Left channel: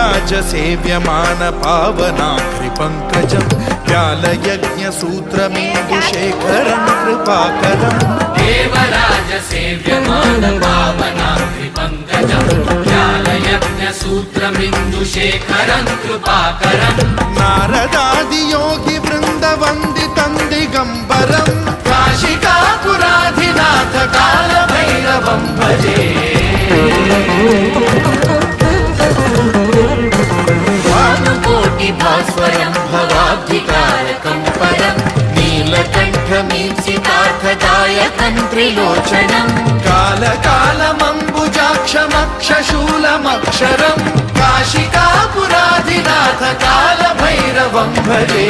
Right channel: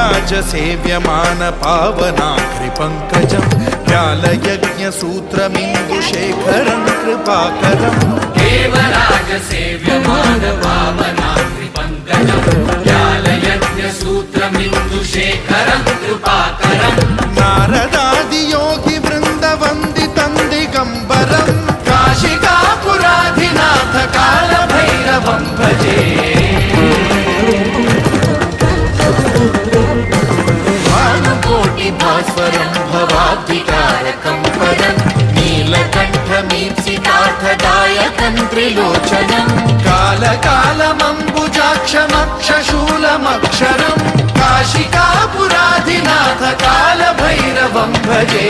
देवराज सेव्यमान पावनाग्रिपङ्कजं व्यालयज्ञसूत्रमिन्दुशेखरं कृपाकरं देवराज सेव्यमान पावनाग्रिपङ्कजं व्यालयज्ञसूत्रमिन्दुशेखरं कृपाकरं नारदादियोगि वृन्दवन्दितं दिगम्बरं काशिकापुराधिनाथ कालभैरवं भजे भास्वरं भवाब्धिकारकं परं नीलकण्ठमीप्सितार्थदायकं त्रिलोचनं कालकालमम्बुजाक्षमक्षशूलमक्षरं काशिकापुराधिनाथ कालभैरवं भजे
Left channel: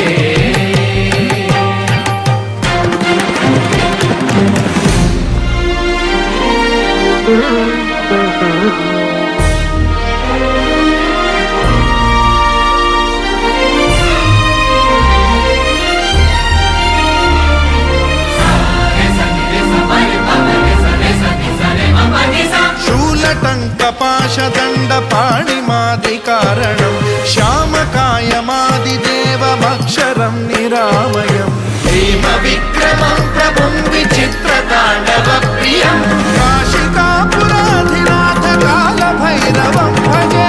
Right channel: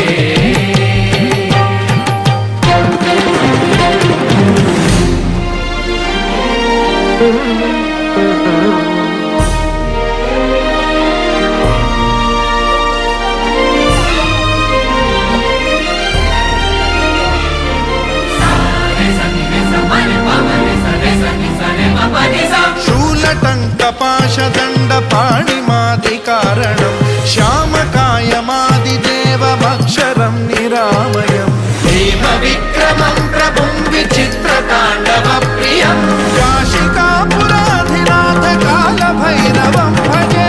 टङ्कपाशदण्डपाणिमादिकारणं श्यामकायमादिदेवमक्षरं निरामयं हेमविक्रमं प्रभुं विचित्रताण्डवप्रियं काशिकापुराधिनाथ कालभैरवं भजे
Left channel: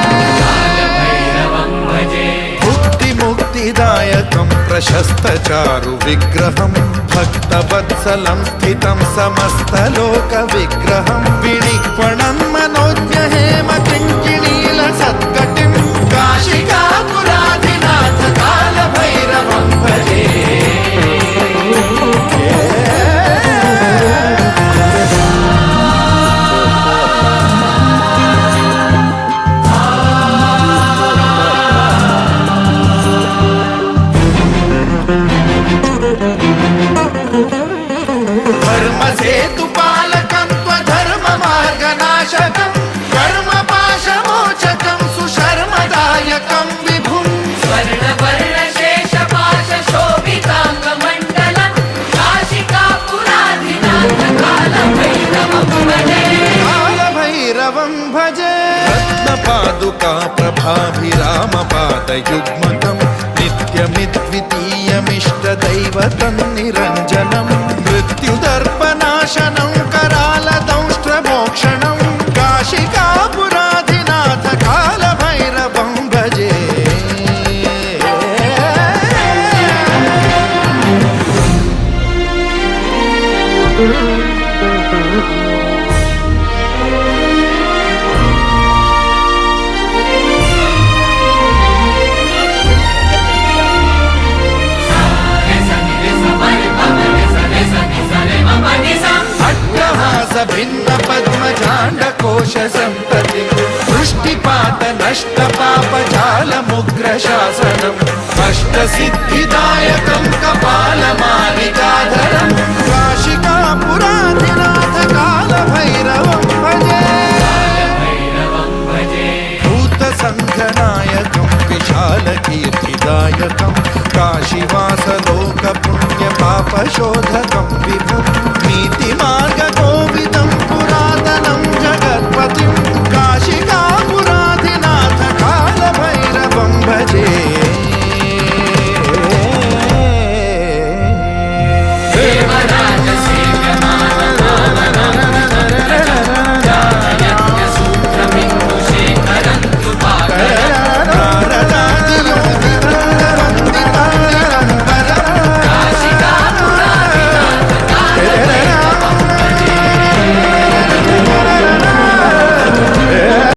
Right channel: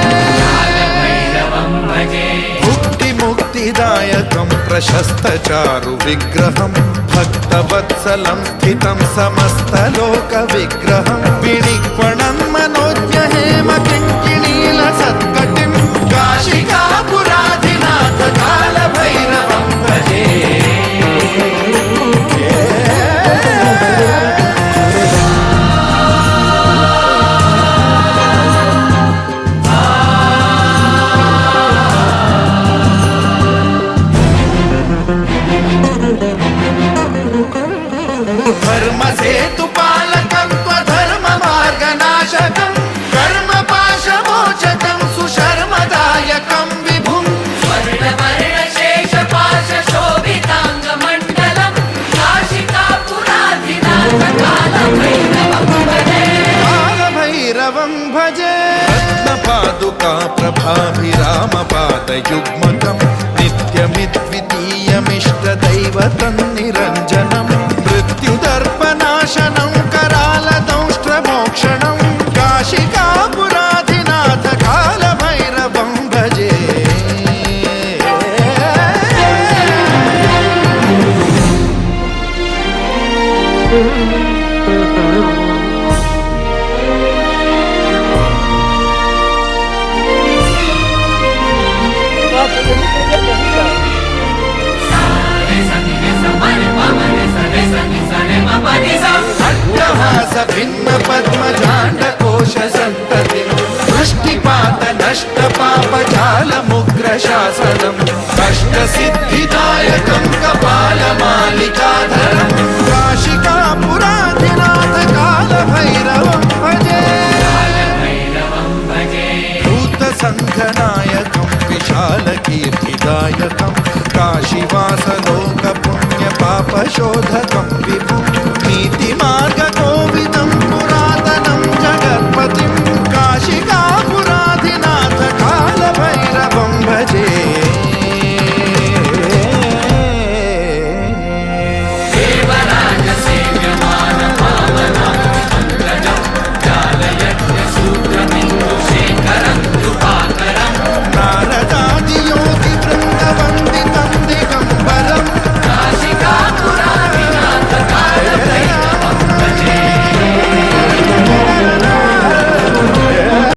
मुक्तिदायकं प्रशस्तचारु विग्रहं भक्तवत्सलं स्थितं समस्तलोकविग्रहं विनिक्वणं मनोज्ञहेम किङ्किणीलसत्कटिं काशिकापुराधिनाथ कालभैरवं भजे धर्मसेतुपालकं त्वधर्ममार्गनाशकं कर्मपाशमोचकं सुशर्मदायकं विभुं स्वर्णवर्णशेषपाशशोभिताङ्गमण्डलं कालभैरवं भजे रत्नपादुका प्रभाभिरामपादयुग्मकं नित्यमिद्वितीयमिष्टदैवतं निरञ्जनं मृत्युदर्पनाशनं करालदंष्ट्रमोक्षणं काशिकापुराधिनाथ कालभैरवं भजे भिन्न पद्मजाण्डकोश संततिं दृष्टिपात नष्ट पापजालमुग्रशासनम् अष्टसिद्धिदायकं कपालमालिकाधरं काशिकापुराधिनाथ कालभैरवं भजे भूतसङ्घनायकं विशालकीर्तिदायकं काशीवासलोकपुण्यपापशोधकं विभुं नीतिमार्गकोविदं पुरातनं जगत्पतिं